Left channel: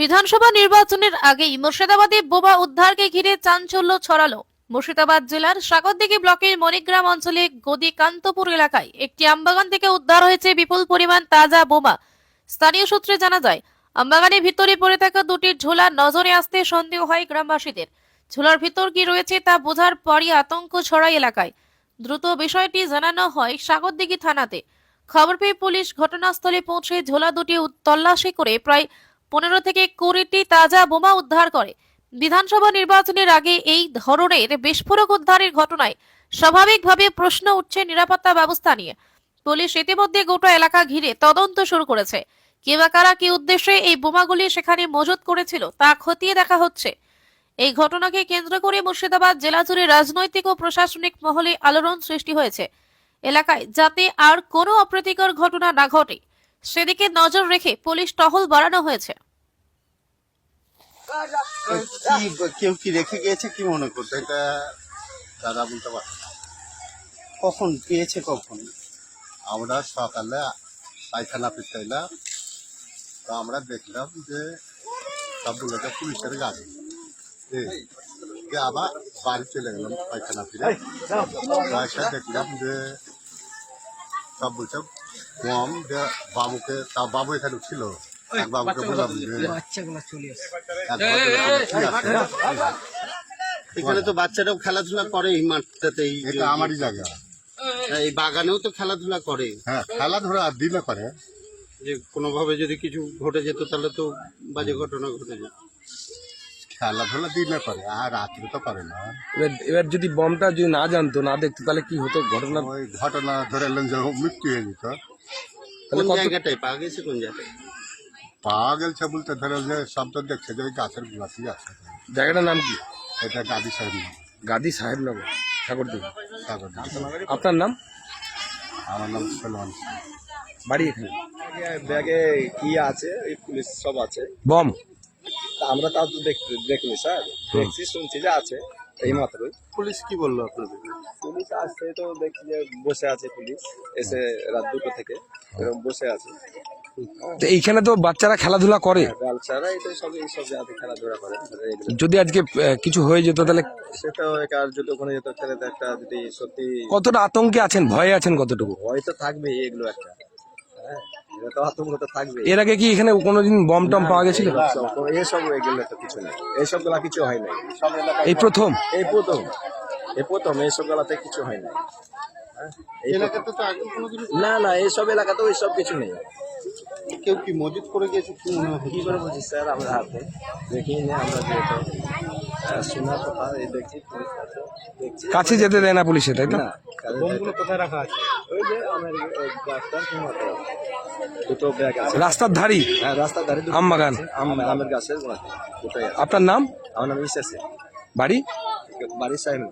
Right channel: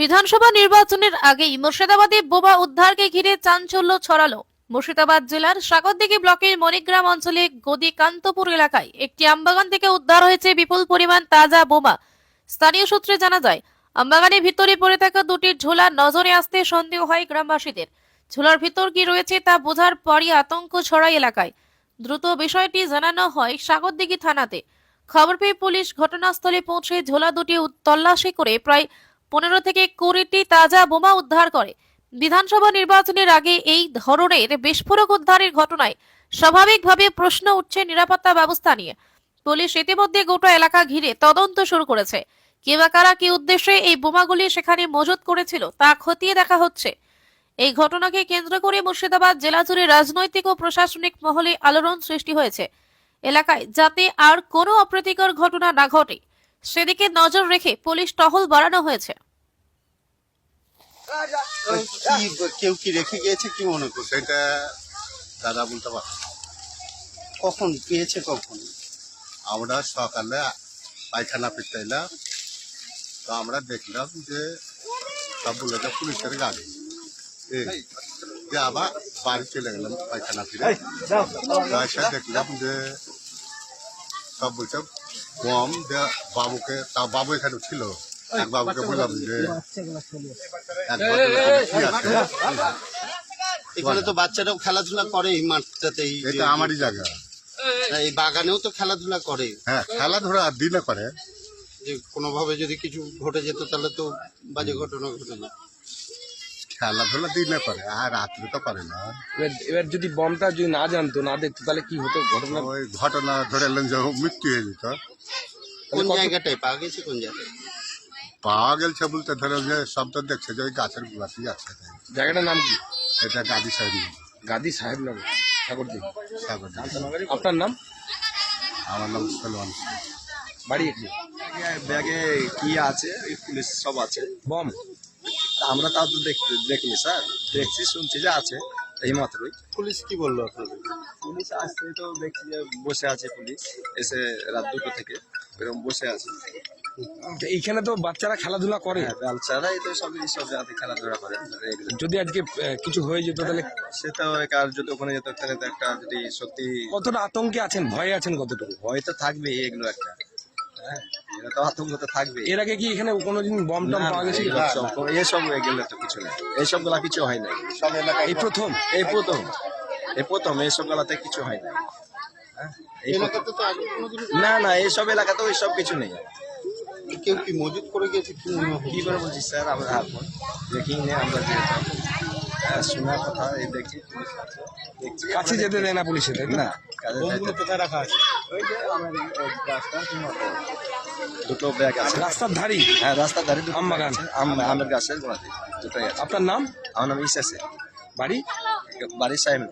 বিধানসভা নির্বাচনের আগেই মুর্শিদাবাদে বোমা উদ্ধারকে ঘিরে চাঞ্চল্য ছড়ালো। মুর্শিদাবাদ জেলার সাগরদিঘি ব্লকের মণিগ্রাম অঞ্চলে গদিকান্তপুর এলাকায় একটি আমবাগান থেকে উদ্ধার হয়েছে বিপুল পরিমাণ তাজা বোমা। স্থানীয় সূত্রে জানা যায়, আমবাগানের ভিতরে পড়ে থাকা দুটি ঝোলা নজরে আসতে সন্দেহ হয় গ্রামবাসীদের। ঝোলার ভিতর কি রয়েছে তা বোঝার পরই আতঙ্ক ছড়ায় এলাকায়। দ্রুত বিষয়টি জানানো হয় সাগরদিঘি থানাতে। খবর পেয়ে পুলিশ ঘটনাস্থলে পৌঁছে ঝোলা দুটি তল্লাশি করে প্রায় 15 থেকে 20টি তাজা বোমা উদ্ধার করে। বিধানসভা নির্বাচনের আগে এই ধরনের বিস্ফোরক উদ্ধারের ঘটনায় স্বাভাবিকভাবে প্রশ্ন উঠছে নিরাপত্তা ব্যবস্থা নিয়ে। পুলিশ ইতিমধ্যে গোটা এলাকা ঘিরে তদন্ত শুরু করেছে। কে বা কারা কি উদ্দেশ্যে এই বোমাগুলি সেখানে মজুত করেছিল তা খতিয়ে দেখা হচ্ছে। এই ঘটনাকে কেন্দ্র করে মুর্শিদাবাদ জেলা জুড়ে রাজনৈতিক ও প্রশাসনিক মহলে আলোড়ন সৃষ্টি হয়েছে। এলাকায় যাতে আর কোনো অপ্রীতিকর ঘটনা না ঘটে সেদিকে নজর রেখে পুলিশ টহল বাড়ানো হয়েছে। কেউ কি রেখে গিয়েছে কি মনে করছে? সেটা দাদা বলতে পারছে না। কখন পেয়েছে কখন? আমরা সকালে পায়খানা ফিরতে এলাম, তো আমরা দেখলাম যে সব বলেছে পুলিশের গাড়ি। যে আবার বাড়ি চলে গেলাম পায়খানা ফিরে, এসে দেখলাম যে সব বলছে কম যে বাবুকে, তা বাবু এখানে ছিল। এক বাবুকে বললাম যে কি আছে, এখানে তো বাচ্চারাও খেলাধুলা করে এই মাঠটাতে। এটা আমারই জায়গা। এই বাগানেও তো খেলাধুলা করে। হ্যাঁ, খেলাধুলা দিনে করে। যে কোনোভাবে যদি কিছু ঘটে যেত তাহলে তো বাজে ঘটনা ঘটে যেত। খেলাধুলা দিনে করে, আর রাত্রে তো করে না। এবার যদি বমটা যদি না জানতো, না দেখতো, তাহলে কি হতো ঘটনা? ওই ঘটনা ধরে এলেন যে মৃত্যু হয়ে যেত। কোন জায়গাটায় পাওয়া গেছে? কোন জায়গায় পাওয়া গেছে বলতে ধরো যে শব্দ দেখছে যে ওই গাছের গোড়াতেই আছে। জায়গাটার নাম কি? এটা গাদি সাহেব। গাদি সাহেব নগর, সাগরদিঘি। সাগরদিঘি। আপনার নাম? আমার নাম সলমান। বাড়ি এখানে। ব্যাগে কি আছে, ওই পুলিশ সব আছে। বম? তা আমরা তাও তো দেখিনি স্যার, দেখছি শুনছি যে আছে এই মাত্রই। পুলিশ কি বললো আপনাদের? পুলিশ আসছে তো দেখছি যে বসে আছে পুলিশ, এসে রাত 2টো থেকে এরকম বসে আছে। তো এইখানে তো বাচ্চারা খেলাধুলা করে। বাচ্চারা এই তো সব এইসব জায়গাতে খেলাধুলা করে। যদি আজকে কিছু হয়ে যেত তাহলে সেটা আর যদি ওখানে যেত তাহলে তো একটা, যদি সত্যি কতটা আতঙ্কে আছেন, ভয়ে আছেন কতটুকু? ভয় তো থাকবেই, এগুলো একটা। হ্যাঁ, এটা তো আতঙ্ক তো থাকবে। এর আগে কি এখানে কোনোদিন বম টম পাওয়া গেছিল? এইসব এগুলো তো কিছু নেই, এইসব গুলা কিছু হয় নাই। সব এলাকায় এই প্রথম? এই প্রথম এইসব বেলাতে কিছু হয় না। হ্যাঁ, এই এলাকাতে তো আগে কোনোদিন না এইসব এলাকাতে ওই সব কিছু নেই। কেউ কি মজুত করে গেছে কি মনে হয়? কি করে বলছি স্যার, আমরা এখন দেখি না, আমরা যেহেতু শোনার কথা এই দেখছি পুলিশ আছে, দেখছি কাছে যেতে দেয় না পুলিশে, তাই তো? না। কোথায় রাখা আছে? ওই যে আমার গাছটার মাথায় দুটো ব্যাগ আছে। রাস্তার ধারি? হ্যাঁ, রাস্তার ধারে দুটো আমবাগান? আছে, আমের গাছের গোড়াতে দুটোই আছে। আপনার নাম? আমার নাম ইসাসে। বাড়ি? বাড়ির সাহেব।